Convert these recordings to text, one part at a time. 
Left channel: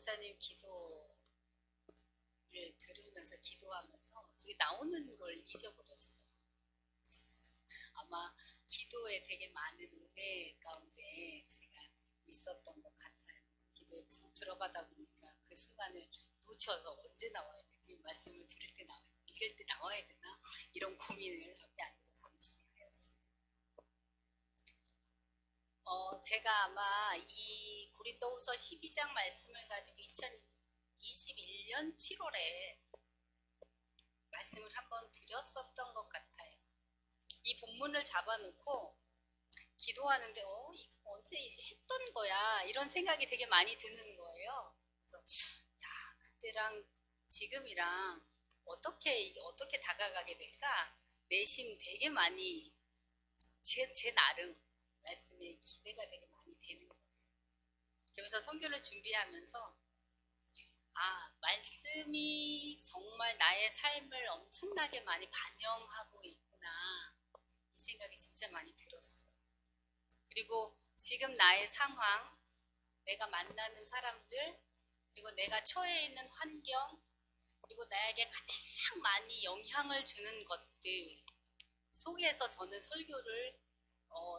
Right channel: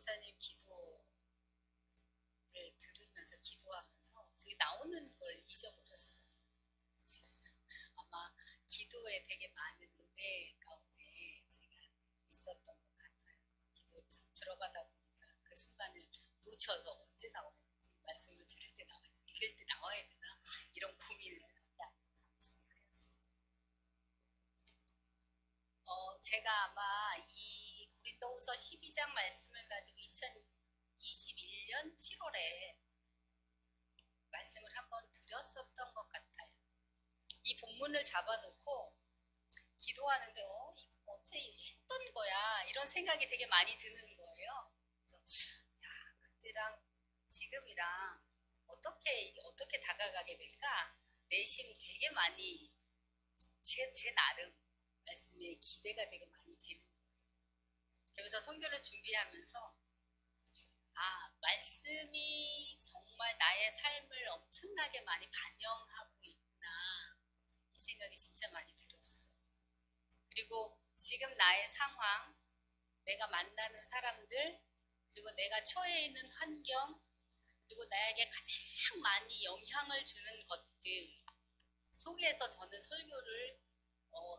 목사님 기도를 들으면서 기도하면서 저기 나오는 걸 잊어버렸어요. 아마 기도에 되게 많은 은혜 가운데 제가 있었던 것 같아요. 기도에 푹 들어가다 보니까 그 순간을 놓쳐서 언제 나와야 되지? 말씀을 들을 때 나와야 되나? 읽을 때 나와야 되나? 이런 고민을 앞에 앉아서 잠시 하였습니다. 제가 아마 이 고린도후서 12장 말씀을 가지고 2021년 7월에 말씀을 한번 드렸었던 것 같아요. 이 본문을 잡아놓고 기도하는데 이거 언제 했던 거야? 이런 생각이 되게 많이 드는 거예요. 그래서 야, 그때랑 지금이랑 어떻게 다가가게 될까? 내심 되게 많이 제 나름 말씀에 기대가 되게 많이 되는 거예요. 그래서 선교를 준비하면서 말씀이 정말 나의 삶을 엄청나게 많이 반영하고 있구나, 이 생각이 진짜 많이 들었어요. 그리고 지금 나의 상황, 내가 만나는 사람들, 그리고 내가 처해 있는 환경, 그리고 나에게 가장 많이 영향을 주는 것들 속에서 저는 설교를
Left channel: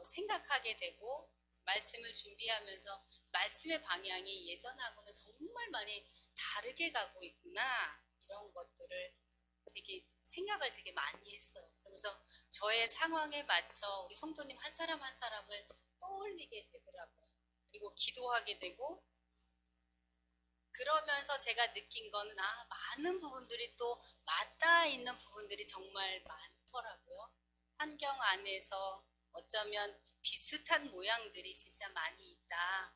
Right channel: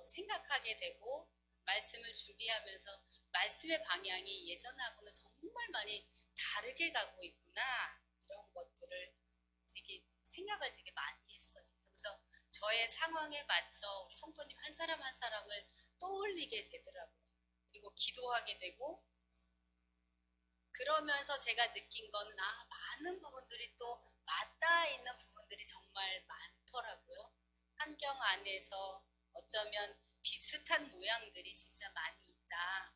생각하게 되고, 말씀을 준비하면서 말씀의 방향이 예전하고는 정말 많이 다르게 가고 있구나, 이런 것들을 되게 생각을 되게 많이 했어요. 그러면서 저의 상황에 맞춰 우리 성도님 한 사람 한 사람을 떠올리게 되더라고요. 그리고 기도하게 되고, 그러면서 제가 느낀 거는 많은 부분들이 또 맞닿아 있는 부분들이 정말 많더라고요. 환경 안에서 어쩌면 비슷한 모양들이 진짜 많이 있다,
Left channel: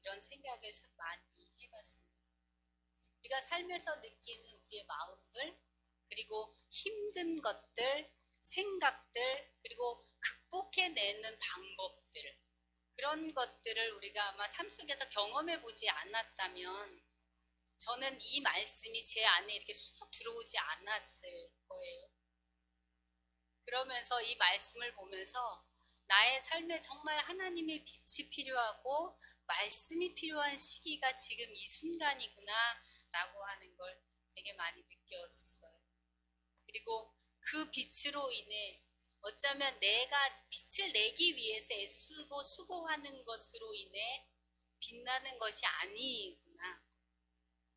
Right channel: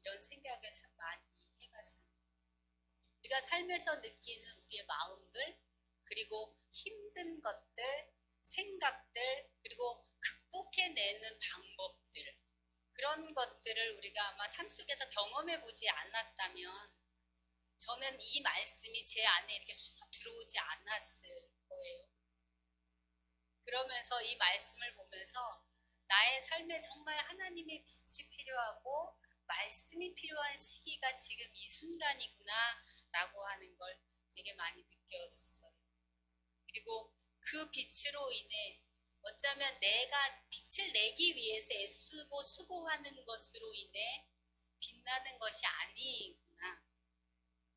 이런 생각을 참 많이 해봤습니다. 우리가 삶에서 느끼는 우리의 마음들, 그리고 힘든 것들, 생각들, 그리고 극복해내는 방법들, 그런 것들을 우리가 아마 삶 속에서 경험해보지 않았다면 저는 이 말씀이 제 안에 이렇게 쑥 들어오지 않았을 거예요. 그러면서 이 말씀을 보면서 나의 삶에 정말 하나님의 빛이 필요하고 말씀이 필요한 시기가 지금 이 순간이구나 라고 하는 걸 되게 많이 느꼈어요. 그리고 그 빛으로 인해 어쩌면 내가 빛을 내기 위해서 애쓰고 수고하는 것으로 인해 빛나는 것이 아니구나.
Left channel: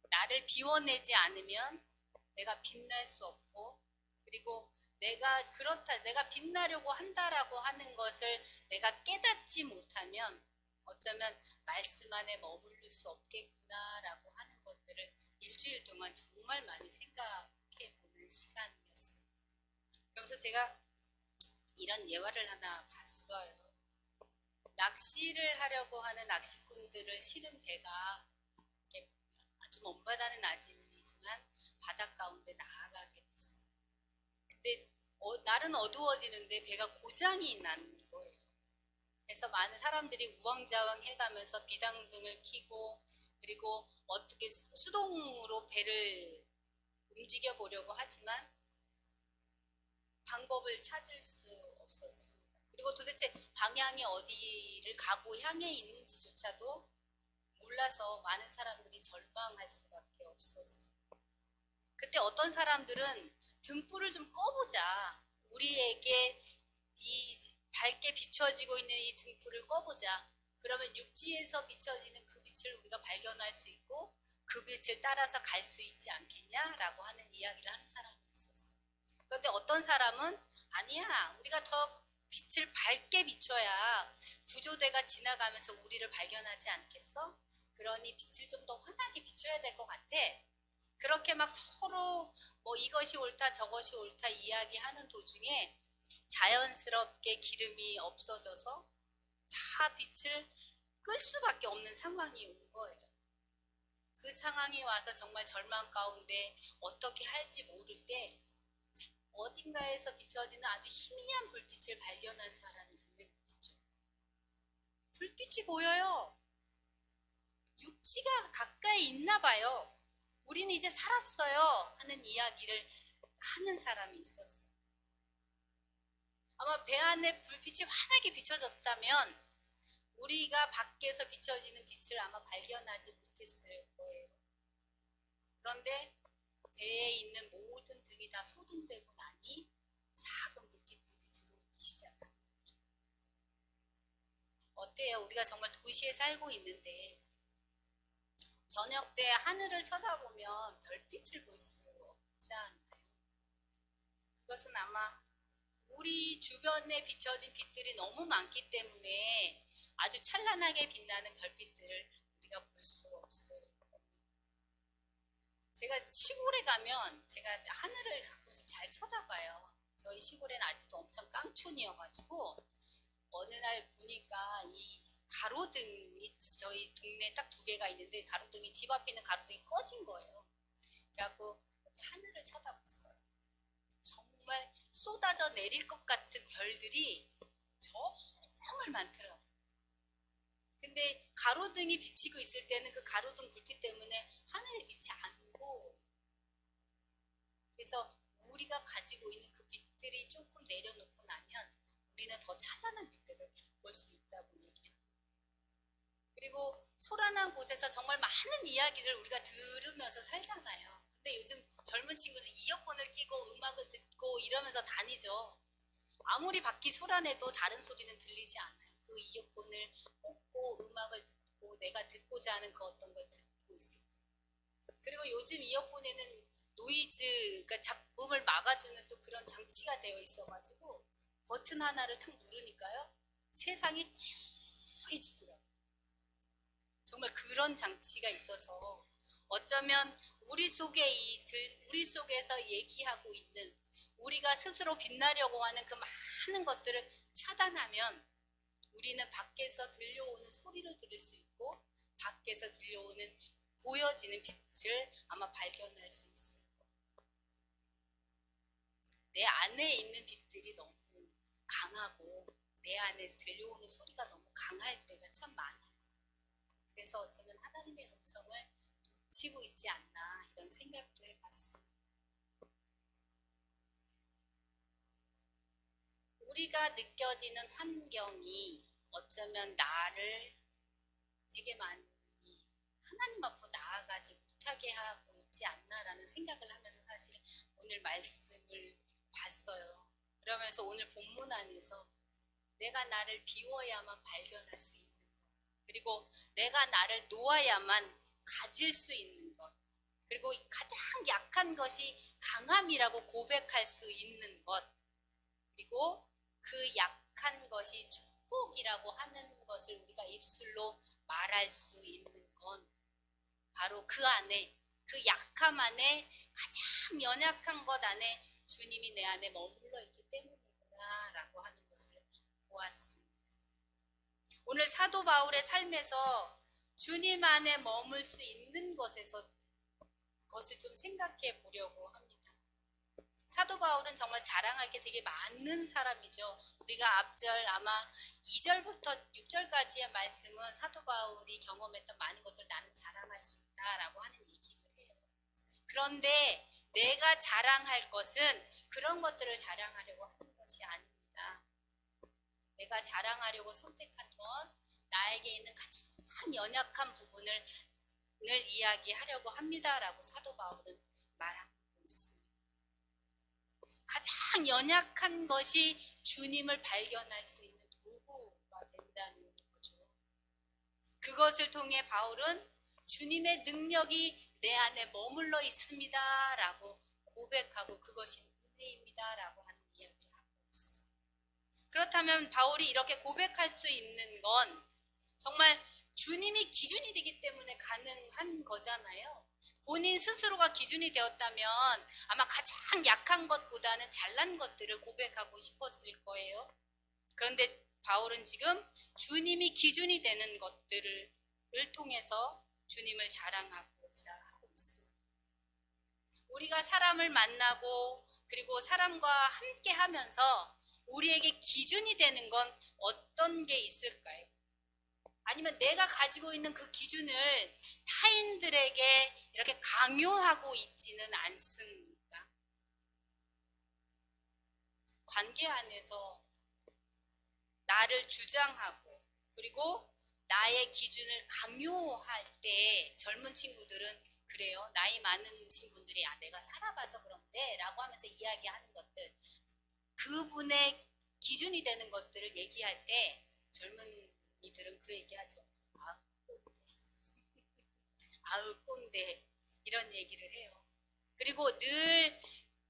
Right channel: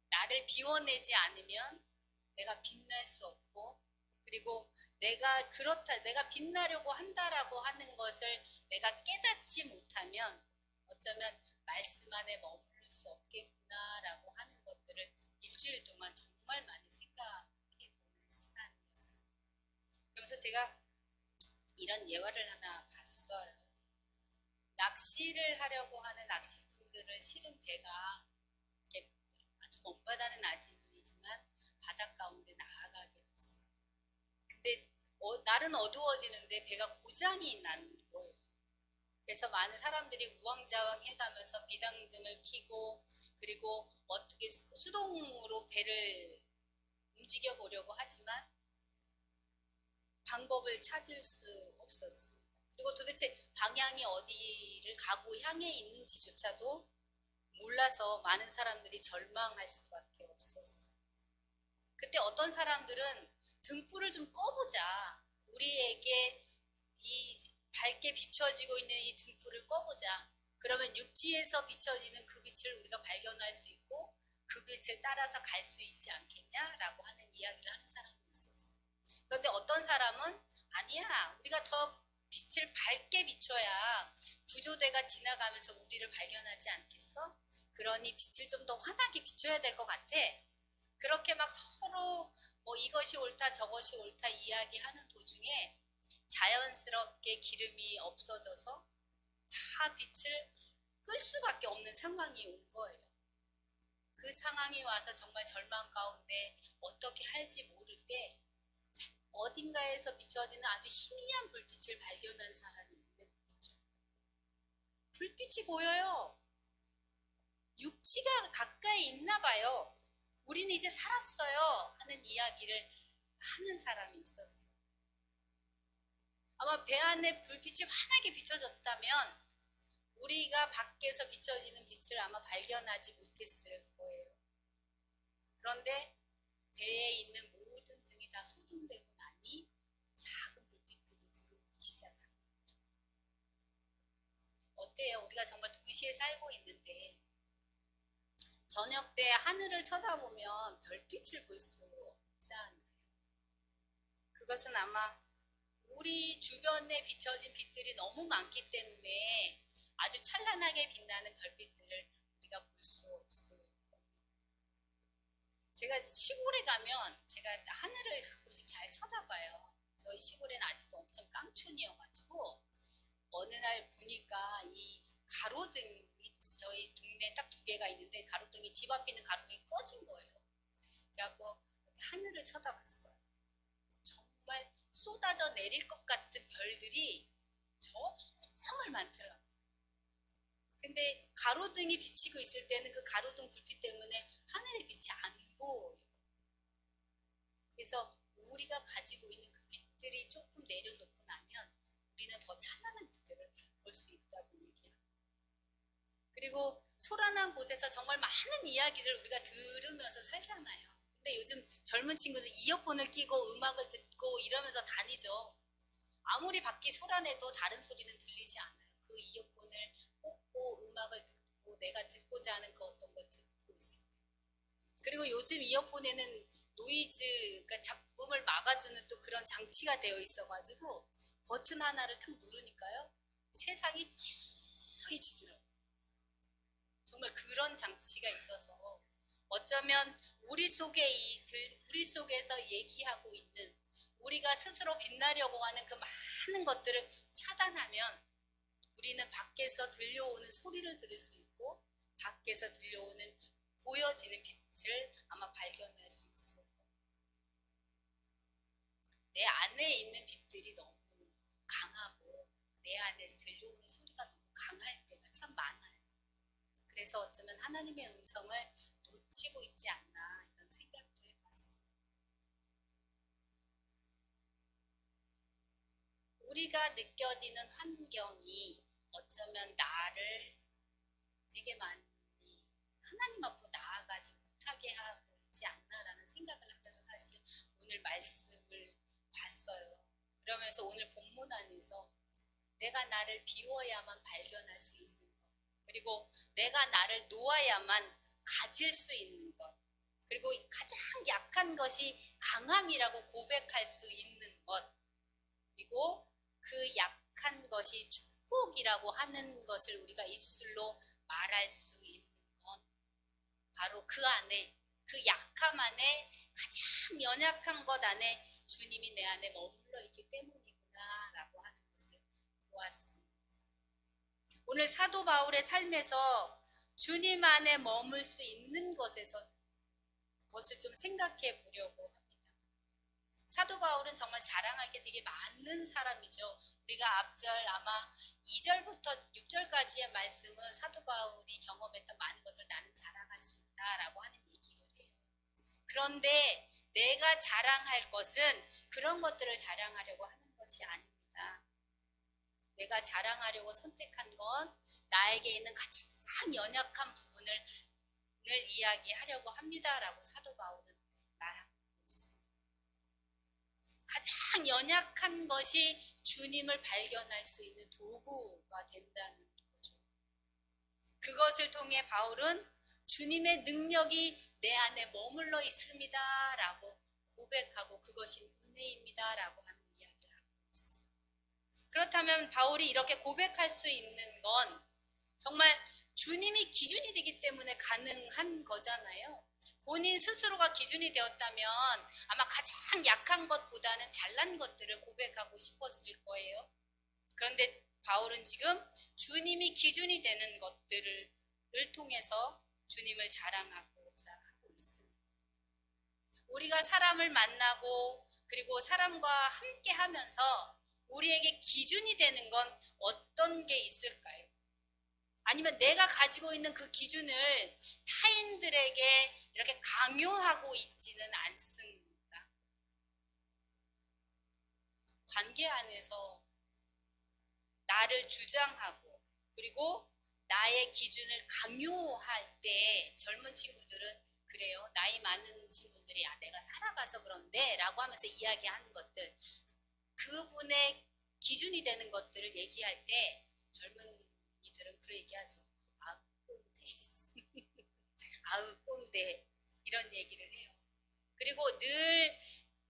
나를 비워내지 않으면 내가 빛날 수 없고, 그리고 내가 빛나려고 한다라고 하는 것을 내가 깨닫지 못하면 어쩌면 말씀 안에 머무를 수 없겠구나라고 하는 것들을 일주일 동안 정말 많이 생각해 보는 시간이었습니다. 그래서 제가 이런 예화를 하나 봤어요. 낚시를 하려고 하는 낚시꾼들을 실은 배가 아주 먼 바다는 아니지만 바다 가운데 나아가게 됐어요. 근데 날은 어두워지는데 배가 고장이 난 거예요. 그래서 많은 사람들이 우왕좌왕 해가면서 비상등을 켜고, 그리고 어떻게 수동으로 배를 움직여 보려고 하지만 방법을 찾을 수 없었습니다. 그리고 도대체 방향이 어디를 가고 향해 있는지조차도 몰라서 많은 사람들이 절망할 수밖에 없었어요. 그때 어떤 사람들은 등불을 좀 꺼보자, 우리에게 이 밝게 비춰지고 있는 이 등불을 꺼보자, 그러면 육지에서 비춰지는 그 빛을 우리가 발견할 수 있고 그 빛을 따라서 갈 수 있지 않겠냐라고 하는 이야기를 하는 사람이 있었어요. 그런데 어떤 사람은 아니야, 우리가 더 빛을 밝게 비춰야 구조대가 지나가면서 우리를 발견하지 않겠어? 그러니 빛을 좀 더 환하게 비춰야 될 것 같아. 그렇게 막 서로 이것이 옳다 저것이 옳다 이야기하는 도중에 자연스럽게 기름이 없어져서 다 빛을 끌 수밖에 없는 상황이 온 거예요. 그 상황이 와서 정말 절망 가운데 어떻게 할지 모를 때 어딘가에서 비춰지는 아주 희미한 불빛을 발견한 사람이 있죠. 불빛이 보여요. 육지가 가까이 있나 봐요. 우리는 이제 살았어요 하는 이야기를 하는 사람이 있었어요. 아마 배 안에 불빛이 환하게 비춰졌다면 우리가 밖에서 비춰지는 빛을 아마 발견하지 못했을 거예요. 그런데 배에 있는 모든 등이 다 소등되고 나니 작은 불빛들이 들어오기 시작합니다. 어때요? 우리가 정말 도시에 살고 있는데 저녁 때 하늘을 쳐다보면 별빛을 볼 수 없지 않나요? 그것은 아마 우리 주변에 비춰진 빛들이 너무 많기 때문에 아주 찬란하게 빛나는 별빛들을 우리가 볼 수 없어요. 제가 시골에 가면 제가 하늘을 가끔씩 잘 쳐다봐요. 저희 시골에는 아직도 엄청 깡촌이어가지고 어느 날 보니까 이 가로등이 저희 동네에 딱 2개가 있는데 가로등이 집 앞에 있는 가로등이 꺼진 거예요. 그래갖고 하늘을 쳐다봤어요. 정말 쏟아져 내릴 것 같은 별들이 정말 많더라고요. 근데 가로등이 비치고 있을 때는 그 가로등 불빛 때문에 하늘의 빛이 안 보여요. 그래서 우리가 가지고 있는 그 빛들이 조금 내려놓고 나면 우리는 더 찬란한 빛들을 볼 수 있다고 얘기합니다. 그리고 소란한 곳에서 정말 많은 이야기를 우리가 들으면서 살잖아요. 근데 요즘 젊은 친구들 이어폰을 끼고 음악을 듣고 이러면서 다니죠. 아무리 밖이 소란해도 다른 소리는 들리지 않아요. 그 이어폰을 꽂고 음악을 듣고 내가 듣고자 하는 그 어떤 걸 듣고 있을 때. 그리고 요즘 이어폰에는 노이즈, 그러니까 잡음을 막아주는 또 그런 장치가 되어 있어가지고 버튼 하나를 탁 누르니까요. 세상이 고요해지더라고요. 정말 그런 장치가 있어서 어쩌면 우리 속에서 얘기하고 있는 우리가 스스로 빛나려고 하는 그 많은 것들을 차단하면 우리는 밖에서 들려오는 소리를 들을 수 있고 밖에서 들려오는 보여지는 빛을 아마 발견할 수 있을 거예요. 내 안에 있는 빛들이 너무 강하고 내 안에 들려오는 소리가 너무 강할 때가 참 많아요. 그래서 어쩌면 하나님의 음성을 놓치고 있지 않나 이런 생각도 해봤습니다. 우리가 느껴지는 환경이 어쩌면 나를 되게 많이 하나님 앞으로 나아가지 못하게 하고 있지 않나라는 생각을 하면서 사실 오늘 말씀을 봤어요. 그러면서 오늘 본문 안에서 내가 나를 비워야만 발견할 수 있는 것, 그리고 내가 나를 놓아야만 가질 수 있는 것, 그리고 가장 약한 것이 강함이라고 고백할 수 있는 것, 그리고 그 약한 것이 축복이라고 하는 것을 우리가 입술로 말할 수 있는 건 바로 그 안에, 그 약함 안에, 가장 연약한 것 안에 주님이 내 안에 머물러 있기 때문이구나 라고 하는 것을 보았습니다. 오늘 사도 바울의 삶에서 주님 안에 머물 수 있는 것을 좀 생각해 보려고 합니다. 사도 바울은 정말 자랑할 게 되게 많은 사람이죠. 우리가 앞절 아마 2절부터 6절까지의 말씀은 사도 바울이 경험했던 많은 것들 나는 자랑할 수 있다라고 하는 얘기를 해요. 그런데 내가 자랑할 것은 그런 것들을 자랑하려고 하는 것이 아닙니다. 내가 자랑하려고 선택한 건 나에게 있는 가장 연약한 부분을 이야기하려고 합니다라고 사도 바울은 말하고 있습니다. 가장 연약한 것이 주님을 발견할 수 있는 도구가 된다는 거죠. 그것을 통해 바울은 주님의 능력이 내 안에 머물러 있습니다 라고 고백하고 그것이 은혜입니다 라고 하는 이야기를 하고 있습니다. 그렇다면 바울이 이렇게 고백할 수 있는 건 정말 주님이 기준이 되기 때문에 가능한 거잖아요. 본인 스스로가 기준이 되었다면 아마 가장 약한 것보다는 잘난 것들을 고백하고 싶었을 거예요. 그런데 바울은 지금 주님이 기준이 되는 것들을 통해서 주님을 자랑하고자 하고 있습니다. 우리가 사람을 만나고 그리고 사람과 함께 하면서 우리에게 기준이 되는 건 어떤 게 있을까요? 아니면 내가 가지고 있는 그 기준을 타인들에게 이렇게 강요하고 있지는 않습니까? 관계 안에서 나를 주장하고 그리고 나의 기준을 강요할 때 젊은 친구들은 그래요. 나이 많으신 분들이 내가 살아봐서 그런데 라고 하면서 이야기하는 것들, 그분의 기준이 되는 것들을 얘기할 때 젊은이들은 그런 얘기하죠. 아, 꼰대. 아우 꼰대. 이런 얘기를 해요. 그리고 늘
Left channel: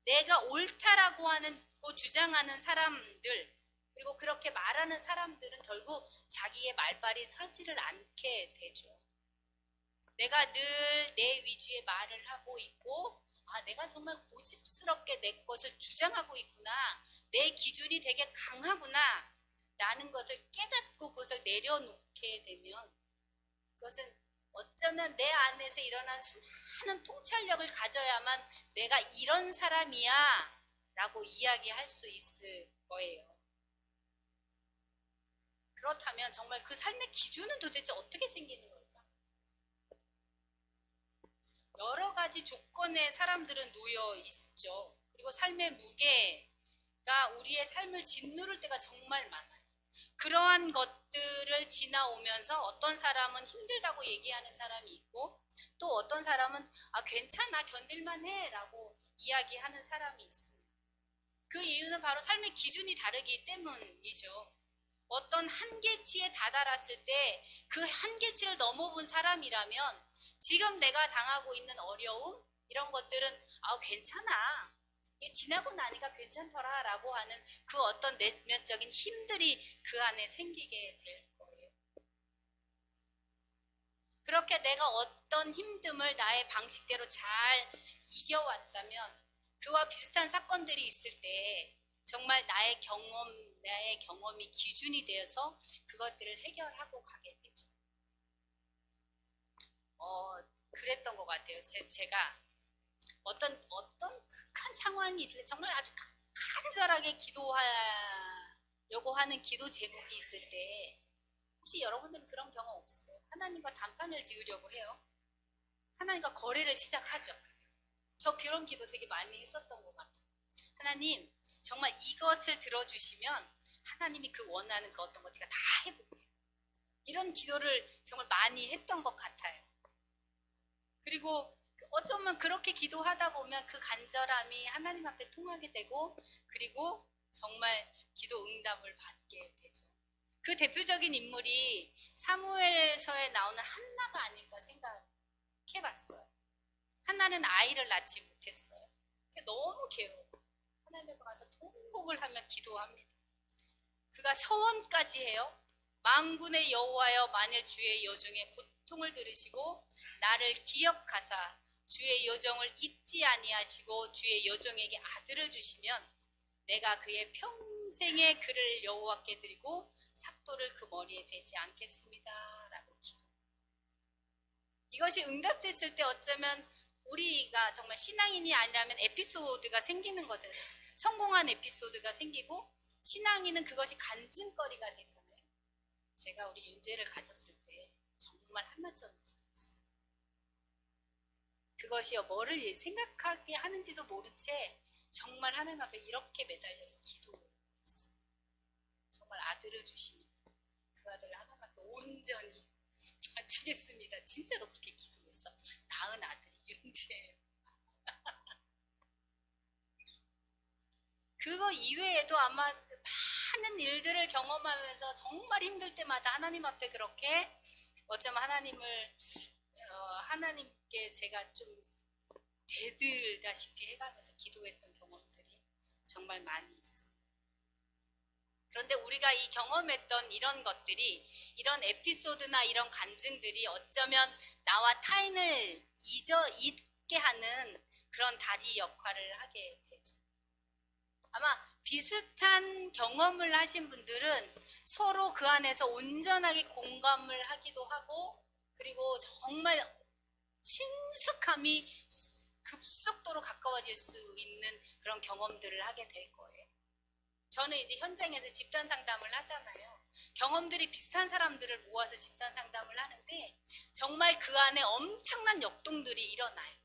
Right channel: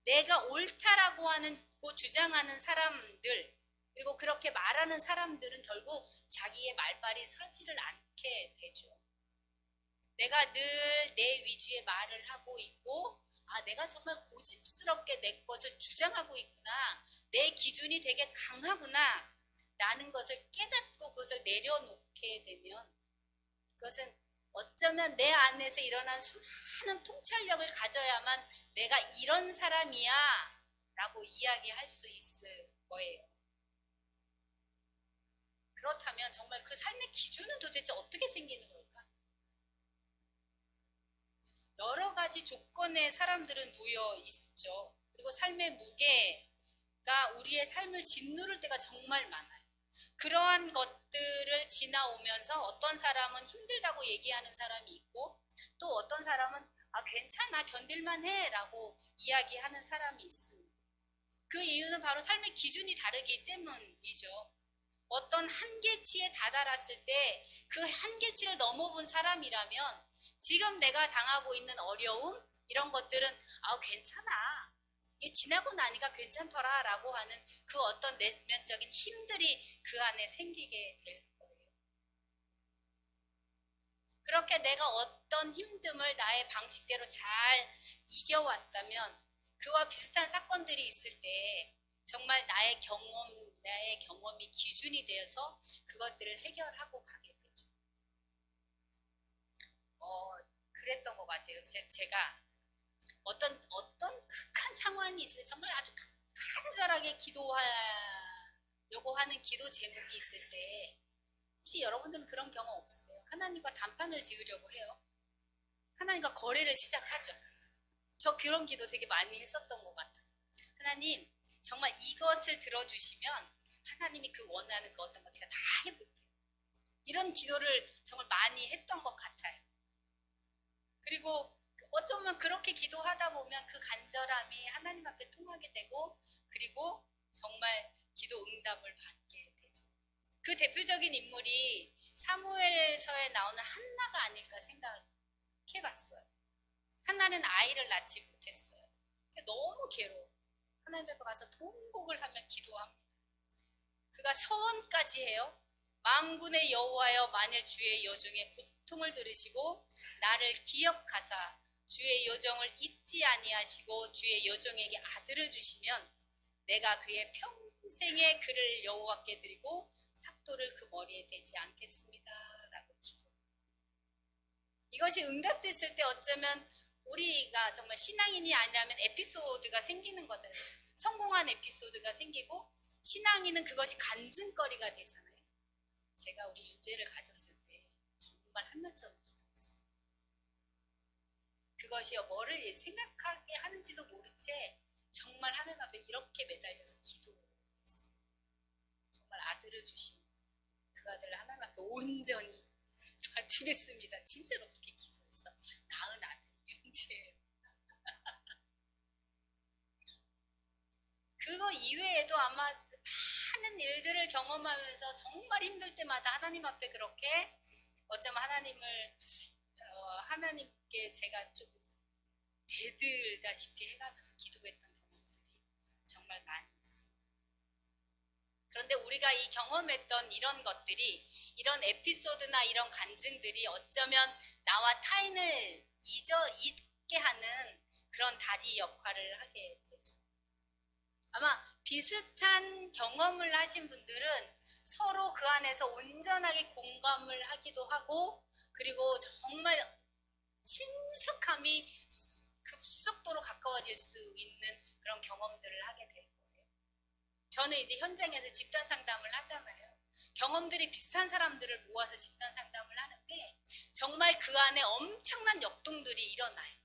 내가 옳다라고 하는 주장하는 사람들, 그리고 그렇게 말하는 사람들은 결국 자기의 말발이 서지를 않게 되죠. 내가 늘 내 위주의 말을 하고 있고, 내가 정말 고집스럽게 내 것을 주장하고 있구나, 내 기준이 되게 강하구나 라는 것을 깨닫고 그것을 내려놓게 되면, 그것은 어쩌면 내 안에서 일어난 수많은 통찰력을 가져야만 내가 이런 사람이야 라고 이야기할 수 있을 거예요. 그렇다면 정말 그 삶의 기준은 도대체 어떻게 생기는 걸까? 여러 가지 조건의 사람들은 놓여 있죠. 그리고 삶의 무게가 우리의 삶을 짓누를 때가 정말 많아요. 그러한 것들을 지나오면서 어떤 사람은 힘들다고 얘기하는 사람이 있고, 또 어떤 사람은 괜찮아, 견딜만 해 라고 이야기하는 사람이 있습니다. 그 이유는 바로 삶의 기준이 다르기 때문이죠. 어떤 한계치에 다다랐을 때 그 한계치를 넘어본 사람이라면 지금 내가 당하고 있는 어려움, 이런 것들은 괜찮아, 이 지나고 나니까 괜찮더라 라고 하는 그 어떤 내면적인 힘들이 그 안에 생기게 될 거예요. 그렇게 내가 어떤 힘듦을 나의 방식대로 잘 이겨왔다면 그와 비슷한 사건들이 있을 때 정말 나의 경험이 기준이 되어서 그것들을 해결하고 가게 되죠. 그랬던 것 같아요. 제가 어떤 극한 상황이 있을 때 정말 아주 간절하게 기도하려고 하는 기도 제목이 있을 때, 혹시 여러분들은 그런 경험 없어요? 하나님과 단판을 지으려고 해요. 하나님과 거래를 시작하죠. 저 그런 기도 되게 많이 했었던 것 같아요. 하나님, 정말 이것을 들어주시면 하나님이 그 원하는 그 어떤 것 제가 다 해볼게요. 이런 기도를 정말 많이 했던 것 같아요. 그리고 어쩌면 그렇게 기도하다 보면 그 간절함이 하나님 앞에 통하게 되고, 그리고 정말 기도 응답을 받게 되죠. 그 대표적인 인물이 사무엘서에 나오는 한나가 아닐까 생각해봤어요. 한나는 아이를 낳지 못했어요. 너무 괴로워. 하나님 앞에 가서 통곡을 하며 기도합니다. 그가 서원까지 해요. 만군의 여호와여, 만일 주의 여종의 고통을 들으시고 나를 기억하사 주의 여종을 잊지 아니하시고 주의 여종에게 아들을 주시면 내가 그의 평생의 그를 여호와께 드리고 삭도를 그 머리에 대지 않겠습니다 라고 기도. 이것이 응답됐을 때 어쩌면 우리가 정말 신앙인이 아니라면 에피소드가 생기는 거죠. 성공한 에피소드가 생기고 신앙인은 그것이 간증거리가 되잖아요. 제가 우리 윤재를 가졌을 때 정말 한나처럼 기도했어요. 그것이요, 뭐를 생각하게 하는지도 모른 채 정말 하나님 앞에 이렇게 매달려서 기도했어요. 정말 아들을 주시면 그 아들을 하나님 앞에 온전히 바치겠습니다. 진짜로 그렇게 기도했어. 낳은 아들이 윤재예요. 그거 이외에도 아마 많은 일들을 경험하면서 정말 힘들 때마다 하나님 앞에 그렇게 어쩌면 하나님께 제가 좀 대들다시피 해가면서 기도했던 경험들이 정말 많이 있어요. 그런데 우리가 이 경험했던 이런 것들이, 이런 에피소드나 이런 간증들이 어쩌면 나와 타인을 잊게 하는 그런 다리 역할을 하게 되죠. 아마 비슷한 경험을 하신 분들은 서로 그 안에서 온전하게 공감을 하기도 하고, 그리고 정말 친숙함이 급속도로 가까워질 수 있는 그런 경험들을 하게 될 거예요. 저는 이제 현장에서 집단 상담을 하잖아요. 경험들이 비슷한 사람들을 모아서 집단 상담을 하는데 정말 그 안에 엄청난 역동들이 일어나요.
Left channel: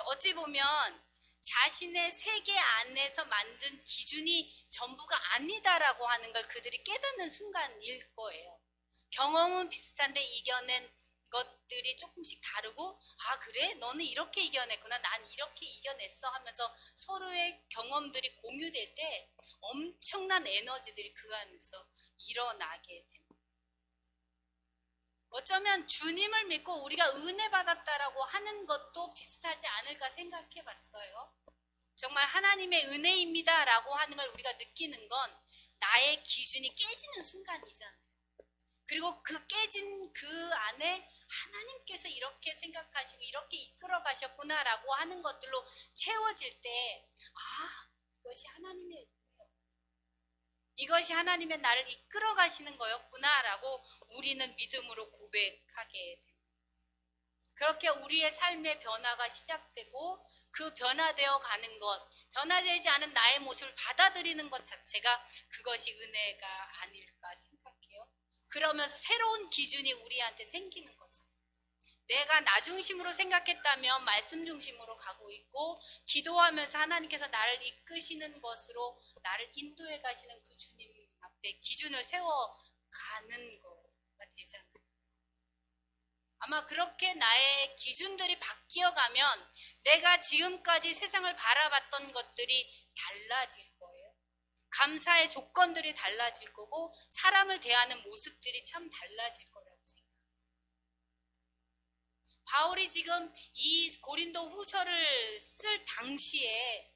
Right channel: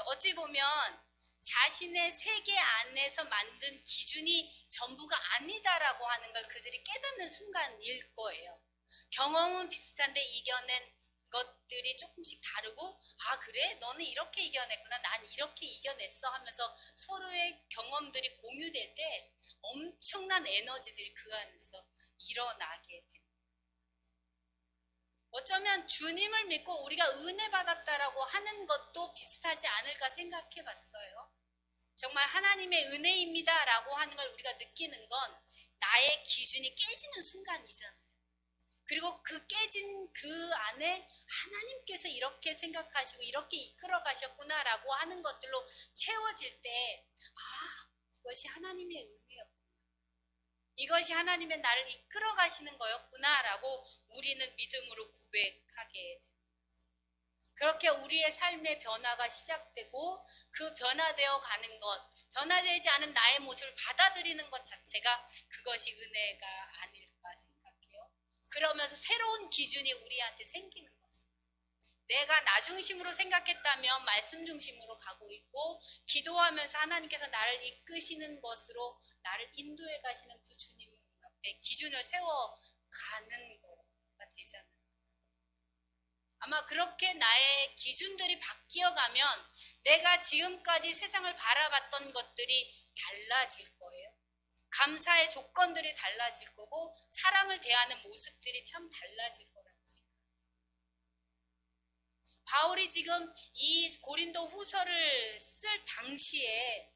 어찌 보면 자신의 세계 안에서 만든 기준이 전부가 아니다라고 하는 걸 그들이 깨닫는 순간일 거예요. 경험은 비슷한데 이겨낸 것들이 조금씩 다르고, 아 그래? 너는 이렇게 이겨냈구나. 난 이렇게 이겨냈어 하면서 서로의 경험들이 공유될 때 엄청난 에너지들이 그 안에서 일어나게 됩니다. 어쩌면 주님을 믿고 우리가 은혜 받았다라고 하는 것도 비슷하지 않을까 생각해 봤어요. 정말 하나님의 은혜입니다 라고 하는 걸 우리가 느끼는 건 나의 기준이 깨지는 순간이잖아요. 그리고 그 깨진 그 안에 하나님께서 이렇게 생각하시고 이렇게 이끌어 가셨구나 라고 하는 것들로 채워질 때, 아, 이것이 하나님의 은혜였구나. 이것이 하나님의 나를 이끌어 가시는 거였구나 라고 우리는 믿음으로 고백하게 됩니다. 그렇게 우리의 삶의 변화가 시작되고 그 변화되어 가는 것, 변화되지 않은 나의 모습을 받아들이는 것 자체가 그것이 은혜가 아닐까 생각해요. 그러면서 새로운 기준이 우리한테 생기는 거죠. 내가 나 중심으로 생각했다면 말씀 중심으로 가고 있고, 기도하면서 하나님께서 나를 이끄시는 것으로 나를 인도해 가시는 그 주님 앞에 기준을 세워 가는 거가 되잖아요. 아마 그렇게 나의 기준들이 바뀌어 가면 내가 지금까지 세상을 바라봤던 것들이 달라질 거예요. 감사의 조건들이 달라질 거고, 사람을 대하는 모습들이 참 달라질 거라고 생각해요. 바울이 지금 이 고린도 후서를 쓸 당시에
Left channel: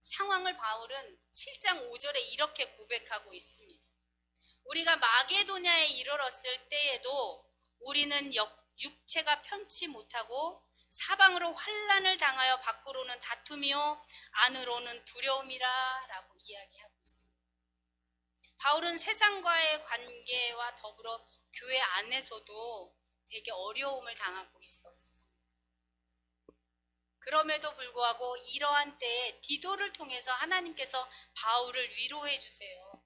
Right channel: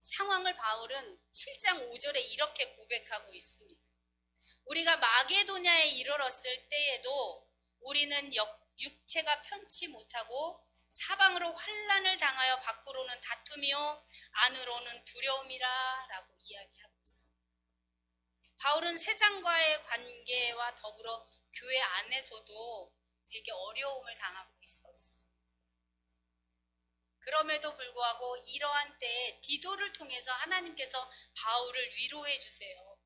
상황을 바울은 7장 5절에 이렇게 고백하고 있습니다. 우리가 마게도냐에 이르렀을 때에도 우리는 육체가 편치 못하고 사방으로 환난을 당하여 밖으로는 다툼이요 안으로는 두려움이라 라고 이야기하고 있습니다. 바울은 세상과의 관계와 더불어 교회 안에서도 되게 어려움을 당하고 있었어. 그럼에도 불구하고 이러한 때에 디도를 통해서 하나님께서 바울을 위로해 주세요.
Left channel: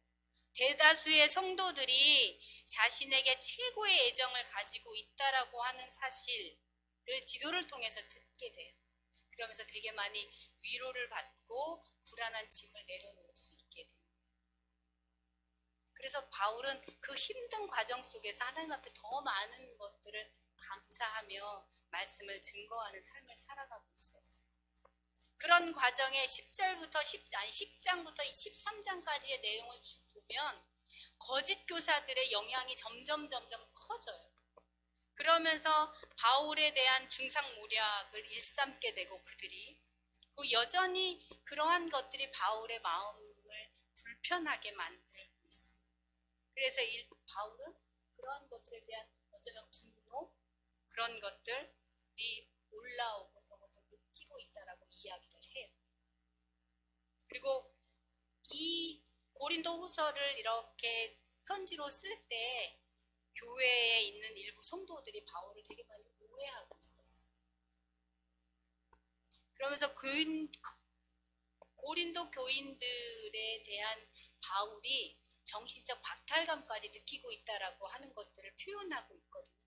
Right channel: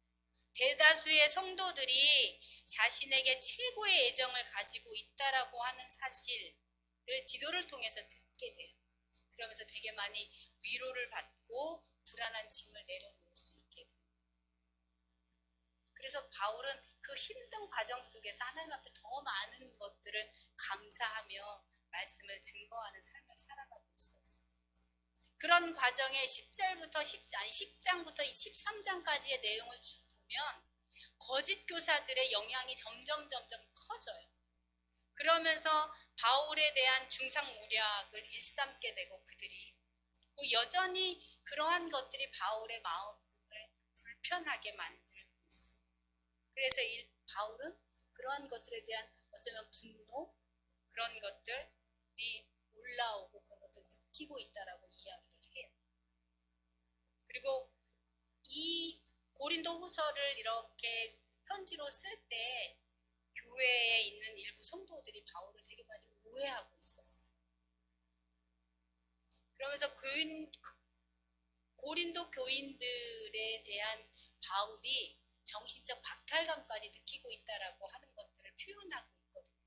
대다수의 성도들이 자신에게 최고의 애정을 가지고 있다라고 하는 사실을 디도를 통해서 듣게 돼요. 그러면서 되게 많이 위로를 받고 불안한 짐을 내려놓을 수 있게 돼요. 그래서 바울은 그 힘든 과정 속에서 하나님 앞에 더 많은 것들을 감사하며 말씀을 증거하는 삶을 살아가고 있었어요. 그런 과정에 10장부터 13장까지의 내용을 보면 거짓 교사들의 영향이 점점 커져요. 그러면서 바울에 대한 중상모략을 일삼게 되고 그들이 여전히 그러한 것들이 바울의 마음을 불편하게 만들고 있어요. 그래서 바울은 그러한 것들에 대한 어쩌면 분노, 그런 것들이 올라오고 그런 것들을 느끼고 있다라고 이야기를 해요. 그리고 이 고린도 후서를 이렇게 편지로 쓸 때 교회에 있는 일부 성도들이 바울을 되게 많이 오해하고 있었어요. 그러면서 고린도 교인들에 대한 바울이 정신적 박탈감까지 느끼고 있다라고 하는 것들을 표현하고 있거든요.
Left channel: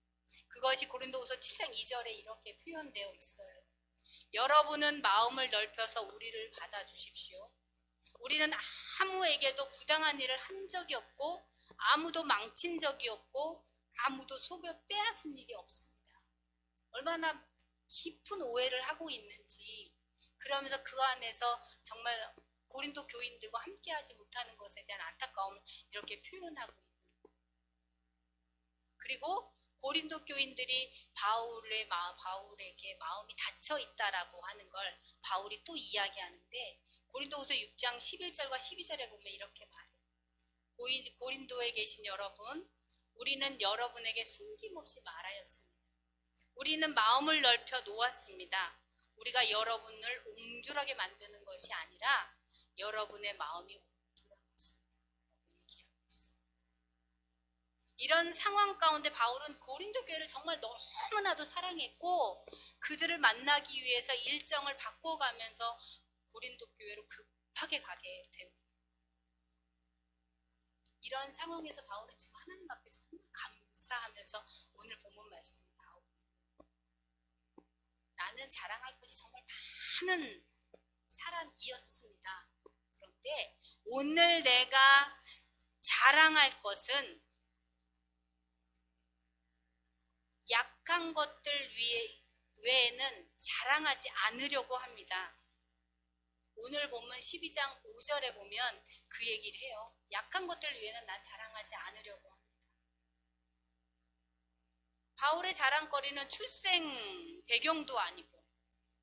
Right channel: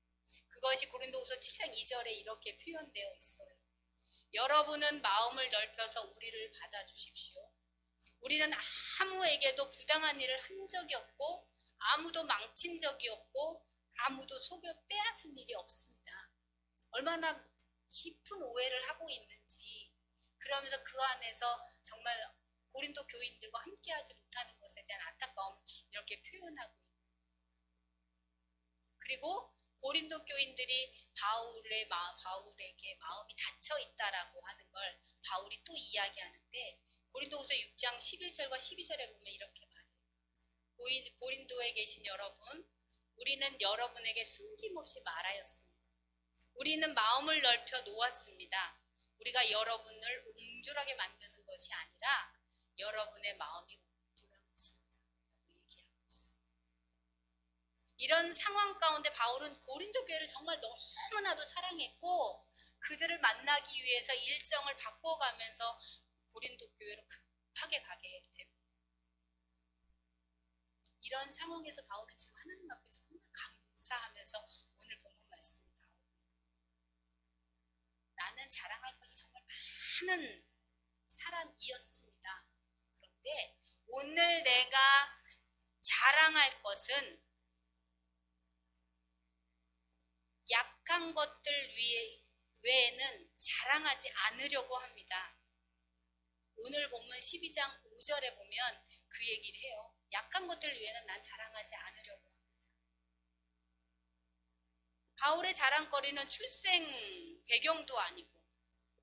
그것이 고린도후서 7장 2절에 이렇게 표현되어 있어요. 여러분은 마음을 넓혀서 우리를 받아주십시오. 우리는 아무에게도 부당한 일을 한 적이 없고 아무도 망친 적이 없고 아무도 속여 빼앗은 일이 없습니다. 얼마나 깊은 오해를 하고 있는지, 그러면서 그 안에서 정말 고린도 교인들과 함께하지 못하는 것에 대한 안타까움을 이렇게 표현하고 있는 거예요. 그리고 고린도 교인들이 바울에게 마음이 닫혀 있다라고 하는 걸 바울이 또 이야기하는데, 고린도후서 6장 11절과 12절에 보면 이렇게 말해요. 고린도에 계신 여러분, 우리는 여러분에게 숨김없이 말하였습니다. 우리는 마음을 넓혀 놓았습니다. 우리가 여러분을 옹졸하게 만드는 것이 아니라 여러분의 마음이 옹졸한 것입니다. 얘기하고 있어요. 이런 상황 가운데 바울은 고린도 교회를 정말 너무나도 사랑했고 그들을 만나기 위해서 일정을 바꿔가면서 고린도 교회로 급하게 가게 됩니다. 이런 상황에서 바울은 지금 하나님 앞에 정말 감사하면서 오늘 본문 말씀이 나오고, 나는 자랑할 것이 정말 많은 사람이었습니다. 그런데 오늘 내가 자랑할 것은 약한 것들 외에는 자랑하지 않으려고 합니다. 오늘 본문 12장 5절에 보면 그 얘기를 해요. 약한 것들 위에는 난 자랑하지 않으려고 합니다. 바울의 자랑거리는 출생 배경도 아니고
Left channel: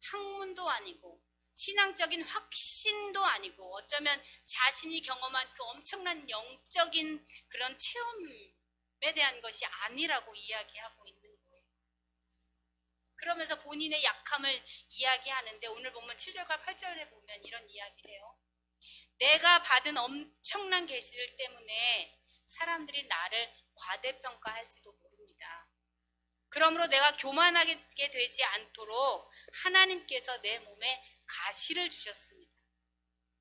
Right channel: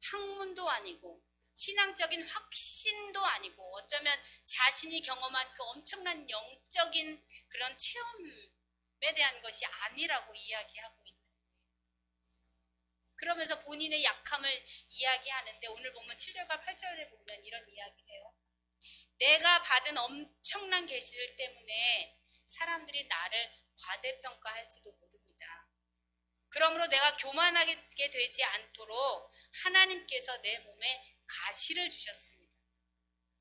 학문도 아니고 신앙적인 확신도 아니고 어쩌면 자신이 경험한 그 엄청난 영적인 그런 체험에 대한 것이 아니라고 이야기하고 있는 거예요. 그러면서 본인의 약함을 이야기하는데 오늘 보면 7절과 8절에 보면 이런 이야기를 해요. 내가 받은 엄청난 계시들 때문에 사람들이 나를 과대평가할지도 모릅니다. 그러므로 내가 교만하게 되지 않도록 하나님께서 내 몸에 가시를 주셨습니다.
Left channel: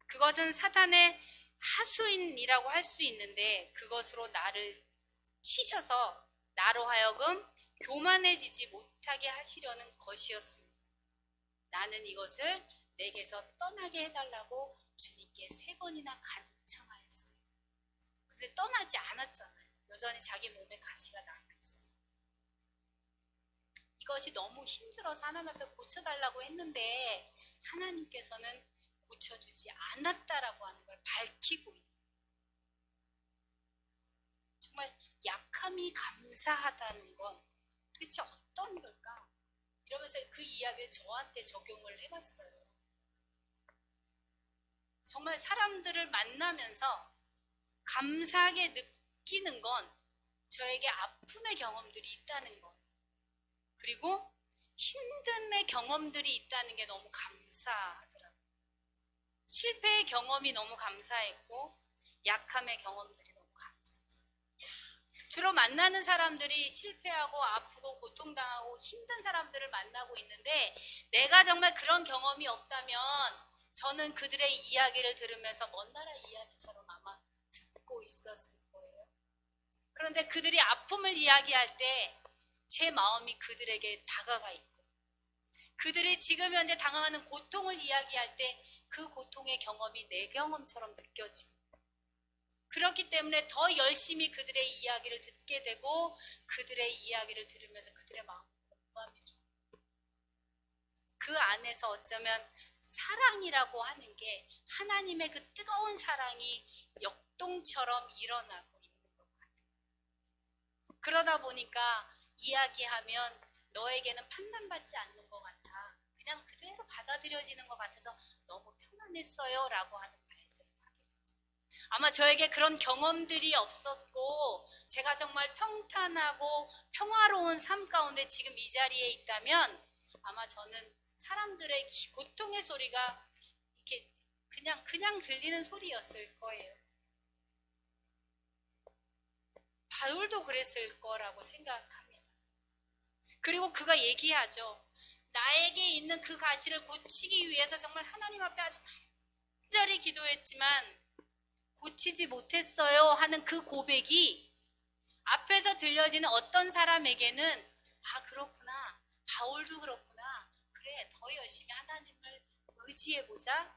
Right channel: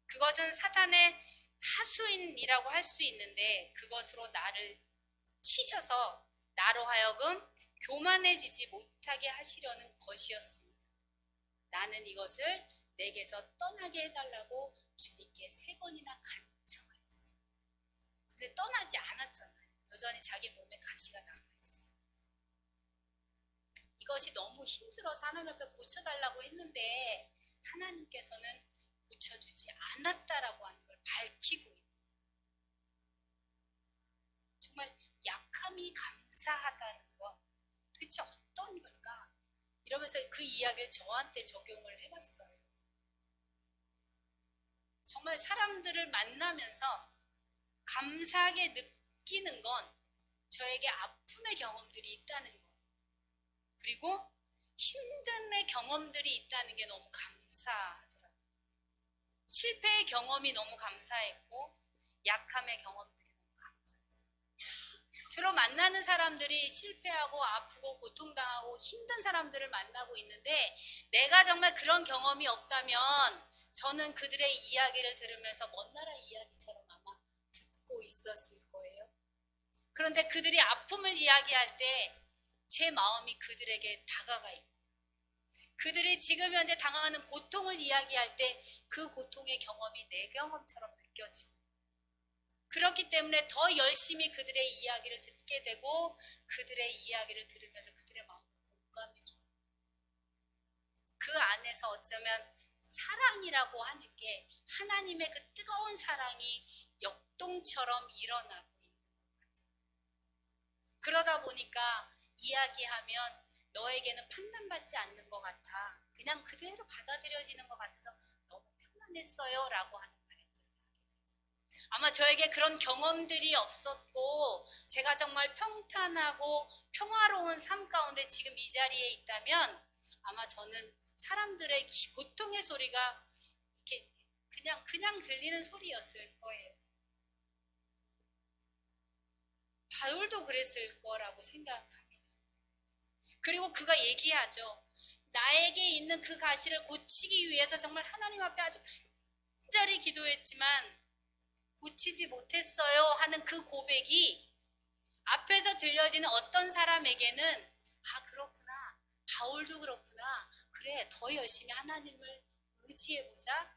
그것은 사탄의 하수인이라고 할 수 있는데 그것으로 나를 치셔서 나로 하여금 교만해지지 못하게 하시려는 것이었습니다. 나는 이것을 내게서 떠나게 해달라고 주님께 3번이나 간청하였어요. 근데 떠나지 않았잖아요. 여전히 자기 몸에 가시가 남아있어요. 이것이 너무 힘들어서 하나님 앞에 고쳐달라고 했는데 하나님께서는 고쳐주지 않았다라고 하는 걸 밝히고 있는 정말 약함이 감사하다는 건 도대체 어떤 걸까? 이러면서 그 이야기를 저한테 적용을 해봤어요. 정말 사람들을 만나면서 감사하게 느끼는 건 저에게 아픔의 경험들이 있다는 것 그리고 힘듦의 경험들이 있다는 게 너무 감사하더라고요. 실패의 경험이 너무 감사했고 약함의 경험들이 너무 감사했어요. 주로 만나는 사람들이 실패하고 아프고 고통당하고 힘든 사람들을 만나고 있는데 내가 정말 그런 경험이 없다면 저는 그들의 이야기를 들으면서 먼 나라 이야기처럼 아마 듣고 있었을 거예요. 그런데 그들이 아픔을 이야기할 때 제 마음이 그들에게 다가가 있고 그들이 지금 현재 당하는 고통을 이야기할 때 그 고통의 경험이 내 경험처럼 느껴지고 그렇기 때문에 더 열심히 그들의 이야기를 듣게 되고 그들의 이야기를 들으면서 그들의 마음을 공감해주고 그 안에서 어쩌면 사랑이라고 하는 게 하나님의 그 뜨거운 사랑이 역동처럼 일어나고 있는 것 같아요. 그러다 보니까 이야기하면 너에게는 판단받지 않는 것 같아. 그냥 그대로 받아들여지는 것 같아서 너무 편안했어요 라고 하는 말들을 하게 됩니다. 아마 저에게 그런 경험들이 없었고 제가 정말 평탄하고 평화로운 삶 가운데 지금 이 자리에 있다면 아마 저는 사람들의 고통의 소리가 이렇게 그냥 들리는 소리였을 거예요. 바울도 그랬을 거라고 생각합니다. 그리고 그가 얘기하죠. 나에게 있는 그 가시를 고치기 위해서 정말 하나님 앞에 아주 간절히 기도했지만 고치지 못했어요 하는 그 고백이 앞에서 들려지는 어떤 사람에게는 아 그렇구나 바울도 그렇구나 그래 더 열심히 하나님을 의지해보자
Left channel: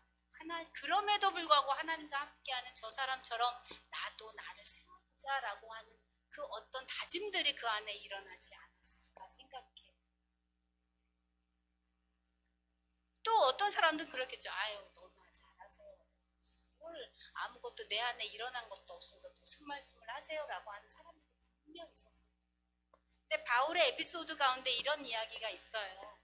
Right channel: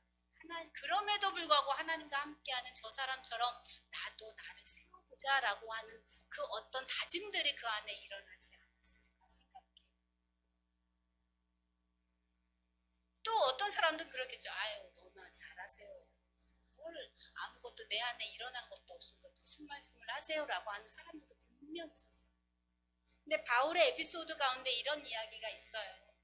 그럼에도 불구하고 하나님과 함께하는 저 사람처럼 나도 나를 세워보자 라고 하는 그 어떤 다짐들이 그 안에 일어나지 않았을까 생각해요. 또 어떤 사람들은 그러겠죠. 아유 너나 잘하세요. 뭘 아무것도 내 안에 일어난 것도 없어서 무슨 말씀을 하세요 라고 하는 사람들도 분명히 있었어요. 근데 바울의 에피소드 가운데 이런 이야기가 있어요.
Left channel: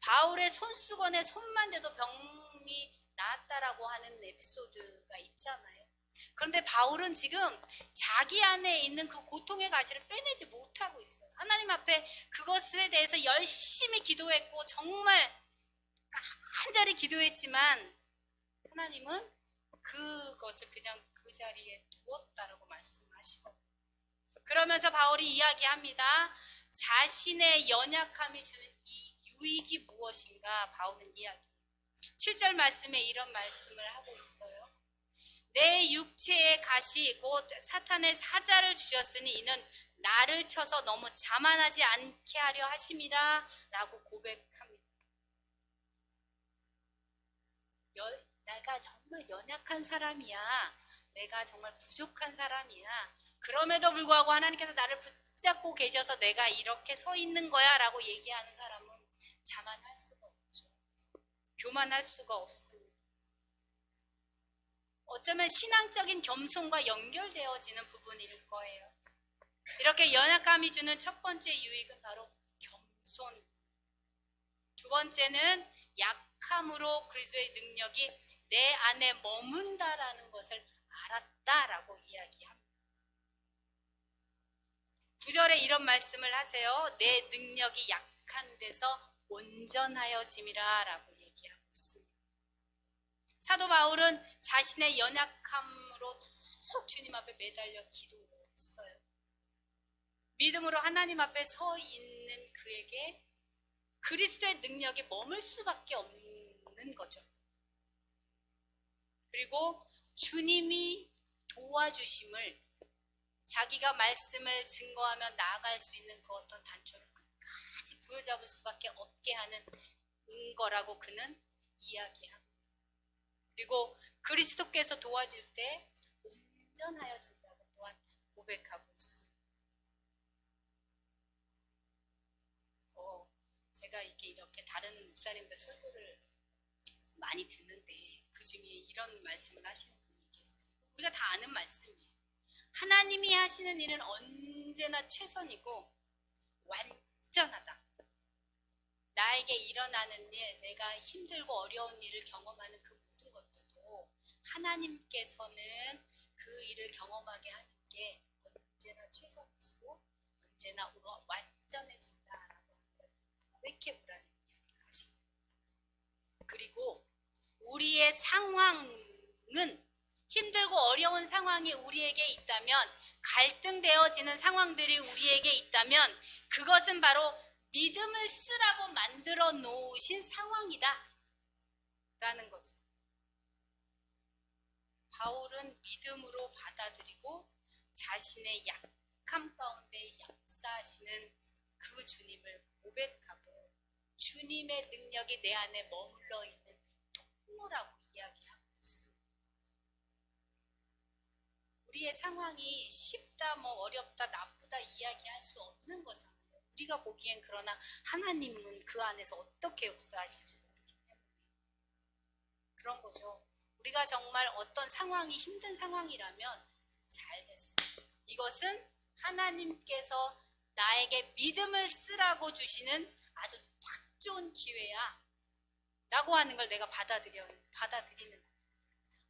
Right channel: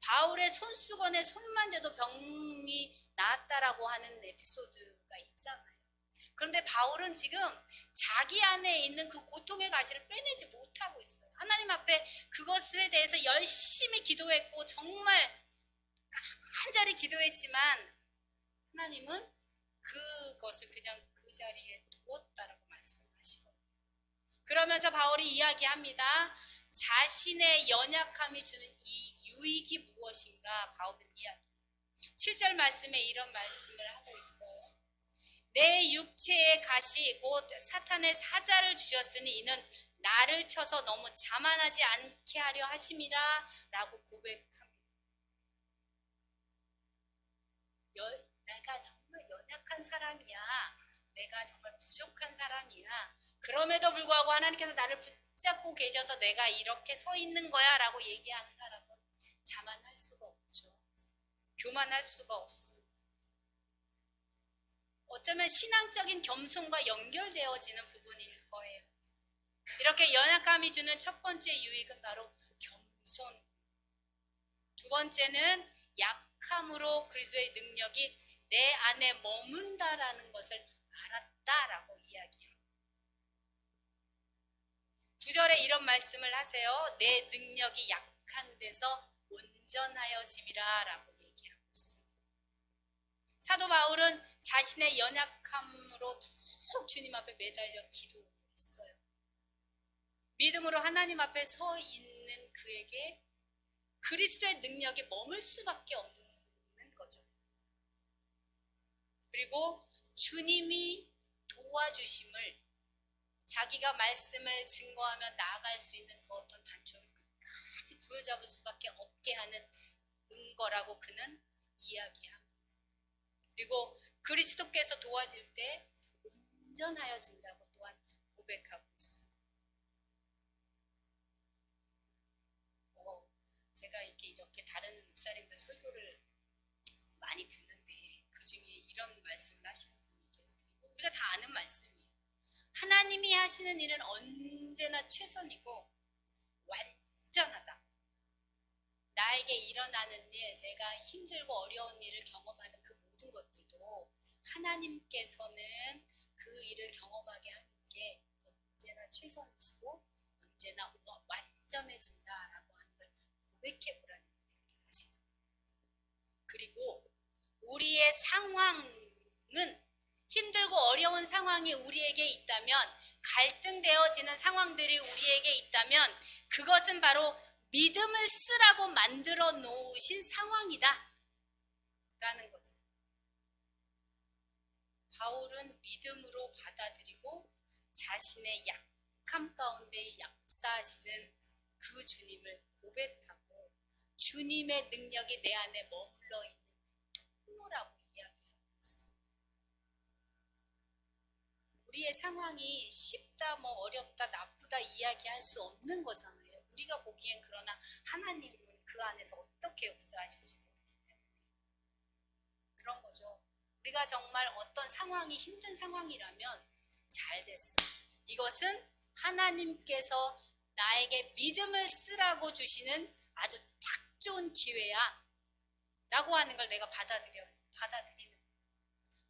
바울의 손수건에 손만 대도 병이 나았다라고 하는 에피소드가 있잖아요. 그런데 바울은 지금 자기 안에 있는 그 고통의 가시를 빼내지 못하고 있어요. 하나님 앞에 그것에 대해서 열심히 기도했고 정말 간절히 기도했지만 하나님은 그것을 그냥 그 자리에 두었다라고 말씀하시고 그러면서 바울이 이야기합니다. 자신의 연약함이 주는 이 유익이 무엇인가 바울은 이야기해요. 7절 말씀에 이런 말씀을 하고 있어요. 내 육체의 가시 곧 사탄의 사자를 주셨으니 이는 나를 쳐서 너무 자만하지 않게 하려 하심이라 라고 고백합니다. 내가 정말 연약한 사람이야. 내가 정말 부족한 사람이야. 그럼에도 불구하고 하나님께서 나를 붙잡고 계셔서 내가 이렇게 서 있는 거야 라고 얘기하는 사람은 자만할 수가 없죠. 교만할 수가 없습니다. 어쩌면 신앙적인 겸손과 연결되어지는 부분일 거예요. 이렇게 연약함이 주는 첫 번째 유익은 바로 겸손. 두 번째는 약함으로 그리스도의 능력이 내 안에 머문다라는 것을 알았다라고 이야기합니다. 9절에 이런 말씀을 하세요. 내 능력이 약한 데서 온전하여짐이라 라고 얘기하고 있습니다. 사도 바울은 자신의 연약함으로 더욱 주님 앞에 매달려 기도했어요. 믿음으로 하나님 앞에 서 있는 그에게 그리스도의 능력이 머물 수밖에 없는 거죠. 그리고 주님이 도와주심을 자기가 말씀을 증거하며 나아갈 수 있는 그 어떤 단초를 끝까지 부여잡을 수밖에 없게 하는 거라고 그는 이야기합니다. 그리고 그리스도께서 도와질 때 온전하여진다고 또한 고백하고 있습니다. 제가 이렇게 다른 목사님들 설교를 많이 듣는데 그 중에 이런 말씀을 하시는 분이 계세요. 우리가 다 아는 말씀이에요. 하나님이 하시는 일은 언제나 최선이고 완전하다. 나에게 일어나는 일, 내가 힘들고 어려운 일을 경험하는 그 모든 것들도 하나님께서는 그 일을 경험하게 하는 게 언제나 최선이시고 언제나 완전해진다라고 하는 걸 고백해보라는 이야기를 하시는 거예요. 그리고 우리의 상황은 힘들고 어려운 상황이 우리에게 있다면, 갈등되어지는 상황들이 우리에게 있다면 그것은 바로 믿음을 쓰라고 만들어 놓으신 상황이다 라는 거죠. 바울은 믿음으로 받아들이고 자신의 약함 가운데 역사하시는 그 주님을 고백하고 주님의 능력이 내 안에 머물러 있는 통로라고 이야기하고 있습니다. 우리의 상황이 쉽다, 어렵다, 나쁘다 이야기할 수 없는 거잖아요. 우리가 보기엔. 그러나 하나님은 그 안에서 어떻게 역사하실지 모르기 때문에 그런 거죠. 우리가 정말 어떤 상황이 힘든 상황이라면 잘 됐어. 이것은 하나님께서 나에게 믿음을 쓰라고 주시는 아주 딱 좋은 기회야 라고 하는 걸 내가 받아들이는 거야.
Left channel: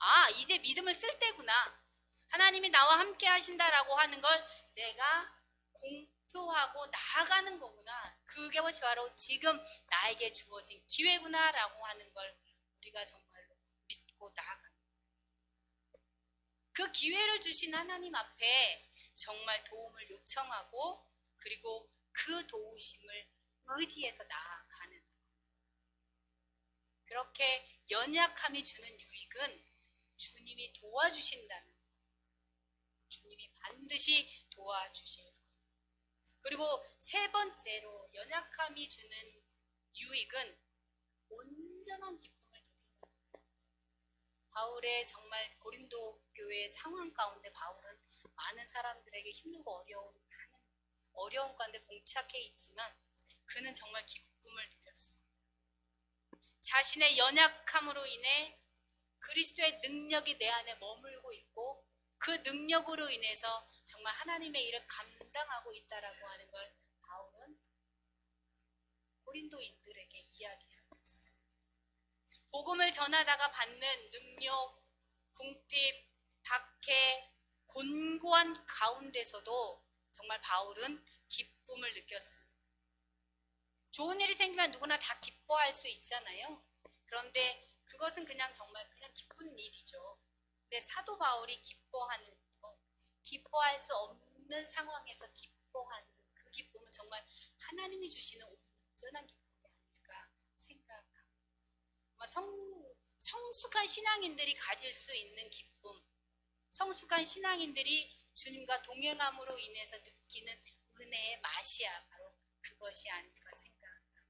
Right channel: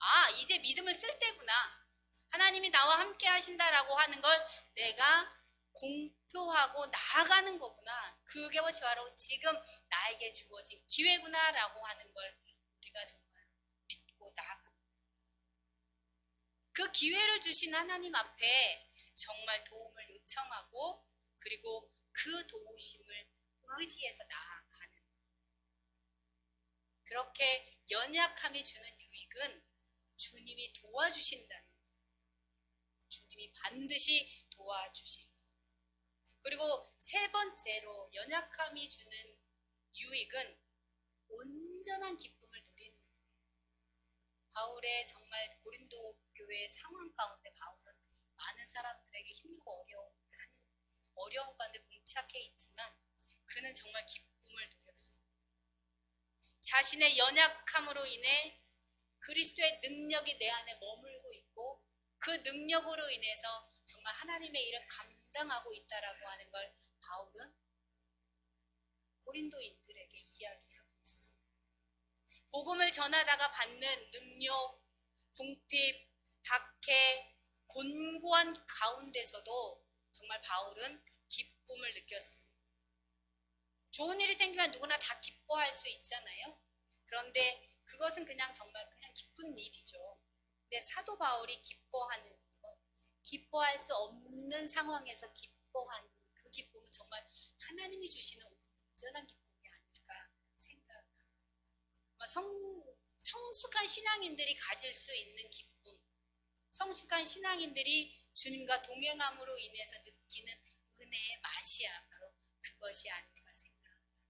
아, 이제 믿음을 쓸 때구나. 하나님이 나와 함께 하신다라고 하는 걸 내가 공표하고 나아가는 거구나. 그게 바로 지금 나에게 주어진 기회구나 라고 하는 걸 우리가 정말로 믿고 나아갑니다. 그 기회를 주신 하나님 앞에 정말 도움을 요청하고 그리고 그 도우심을 의지해서 나아가는, 그렇게 연약함이 주는 유익은 주님이 도와주신다는, 주님이 반드시 도와주실 것. 그리고 세 번째로 연약함이 주는 유익은 온전한 기쁨을 누리는 것. 바울의 정말 고린도 교회의 상황 가운데 바울은 많은 사람들에게 힘들고 어려운 가운데 봉착해 있지만 그는 정말 기쁨을 누렸어. 자신의 연약함으로 인해 그리스도의 능력이 내 안에 머물고 있고 그 능력으로 인해서 정말 하나님의 일을 감당하고 있다라고 하는 걸 바울은 고린도인들에게 이야기하고 있어요. 복음을 전하다가 받는 능력, 궁핍, 박해, 곤고한 가운데서도 정말 바울은 기쁨을 느꼈습니다. 좋은 일이 생기면 누구나 다 기뻐할 수 있잖아요. 그런데 그것은 정말 기쁜 일이죠. 근데 사도 바울이 기뻐하는 것, 기뻐할 수 없는 상황에서 기뻐하는 그 기쁨은 정말 하나님이 주시는 온전한 기쁨이 아닐까 생각합니다. 성숙한 신앙인들이 가질 수 있는 기쁨, 성숙한 신앙인들이 주님과 동행함으로 인해서 느끼는 은혜의 맛이야 바로 그것이 아닐까 생각합니다.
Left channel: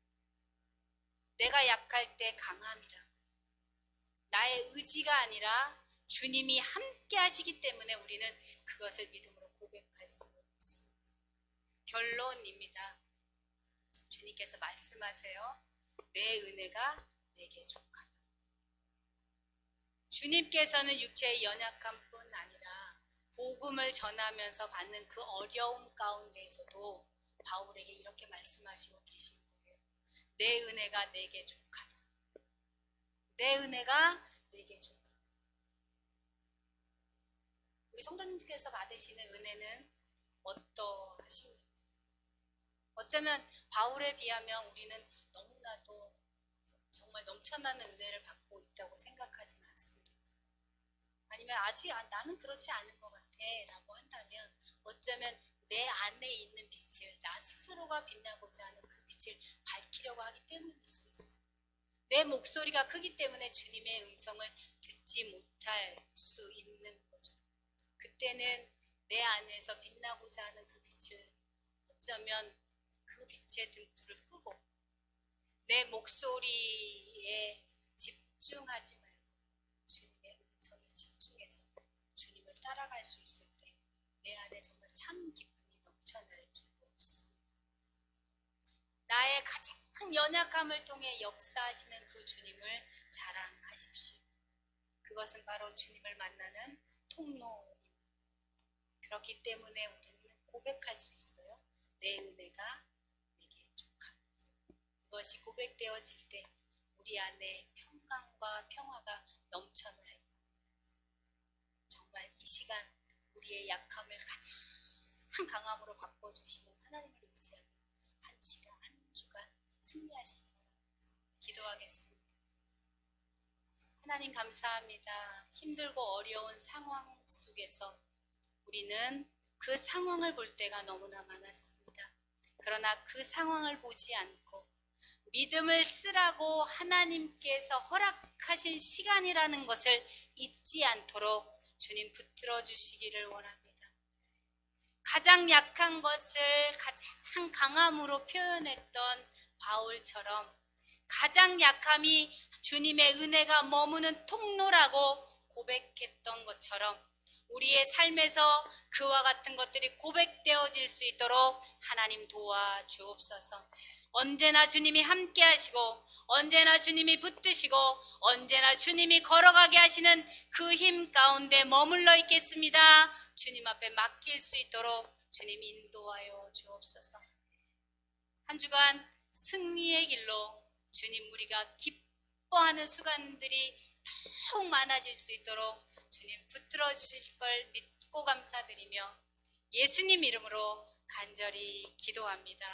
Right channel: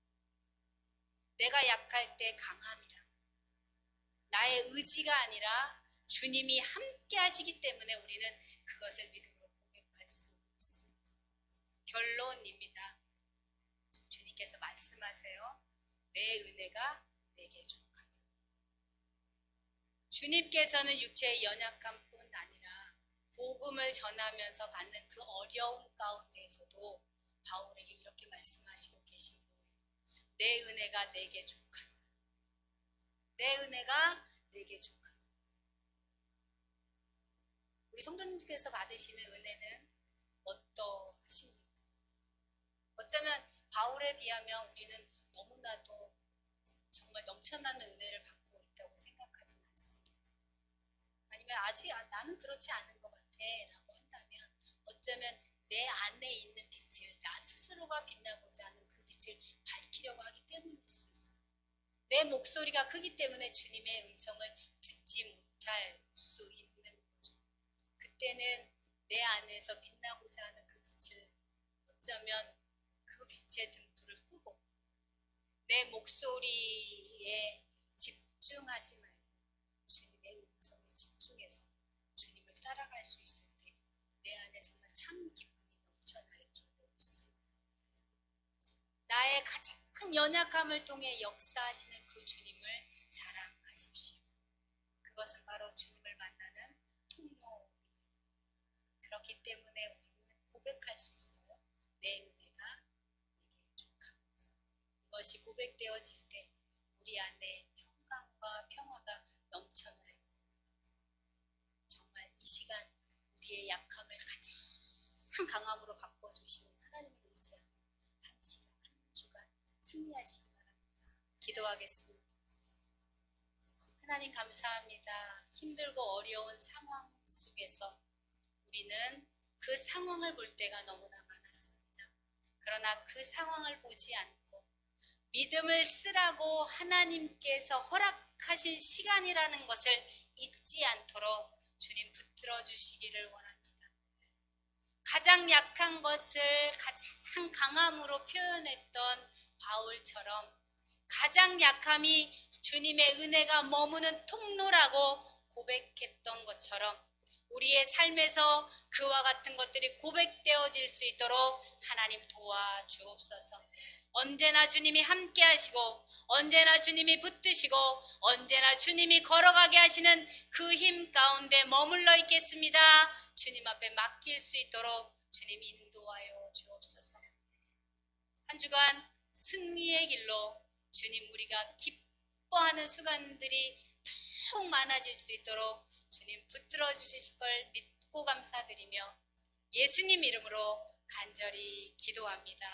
내가 약할 때 강함이라, 나의 의지가 아니라 주님이 함께 하시기 때문에 우리는 그것을 믿음으로 고백할 수 있습니다. 결론입니다. 주님께서 말씀하세요. 내 은혜가 내게 족하다. 주님께서는 육체의 연약함뿐 아니라 복음을 전하면서 받는 그 어려움 가운데에서도 바울에게 이렇게 말씀하시고 계신 거예요. 내 은혜가 내게 족하다. 내 은혜가 내게 족하다. 우리 성도님께서 받으시는 은혜는 어떠하십니까? 어쩌면 바울에 비하면 우리는 너무나도 정말 넘쳐나는 은혜를 받고 있다고 생각하지는 않습니다. 아니면 아직 나는 그렇지 않은 것 같아 라고 한다면 어쩌면 내 안에 있는 빛을 나 스스로가 빛나고자 하는 그 빛을 밝히려고 하기 때문일 수 있어요. 내 목소리가 크기 때문에 주님의 음성을 듣지 못할 수 있는 거죠. 그때는 내 안에서 빛나고자 하는 그 빛을 어쩌면 그 빛의 등불을 끄고 내 목소리에 집중하지 말고 주님의 음성에 집중해서 주님을 따라갈 수 있을 때 내 안에 정말 참 기쁨이 넘쳐날 줄로 믿습니다. 나의 가장 연약함을 통해 역사하시는 그 주님을 자랑하십시오. 그것은 바로 주님을 만나는 통로입니다. 그렇기 때문에 우리는 고백할 수 있어요. 내 은혜가 내게 족합니다. 이것이 고백되어질 때 우리 안에 평강과 평화가 넘쳐나요. 정말 이 시간 우리의 약함을 가장 강함으로 바꿔주시는 하나님을 의지하며 한 시간 한 주간 승리하시기 바랍니다. 기도하겠습니다. 하나님 감사합니다. 힘들고 어려운 상황 속에서 우리는 그 상황을 볼 때가 너무나 많았습니다. 그러나 그 상황을 보지 않고 믿음을 쓰라고 하나님께서 허락하신 시간이라는 것을 잊지 않도록 주님 붙들어 주시기를 원합니다. 가장 약한 것을 가장 강함으로 표현했던 바울처럼 가장 약함이 주님의 은혜가 머무는 통로라고 고백했던 것처럼 우리의 삶에서 그와 같은 것들이 고백되어질 수 있도록 하나님 도와주옵소서. 언제나 주님이 함께 하시고 언제나 주님이 붙드시고 언제나 주님이 걸어가게 하시는 그 힘 가운데 머물러 있겠습니다. 주님 앞에 맡길 수 있도록 주님 인도하여 주옵소서. 한 주간 승리의 길로 주님 우리가 기뻐하는 순간들이 더욱 많아질 수 있도록 주님 붙들어 주실 걸 믿고 감사드리며 예수님 이름으로 간절히 기도합니다.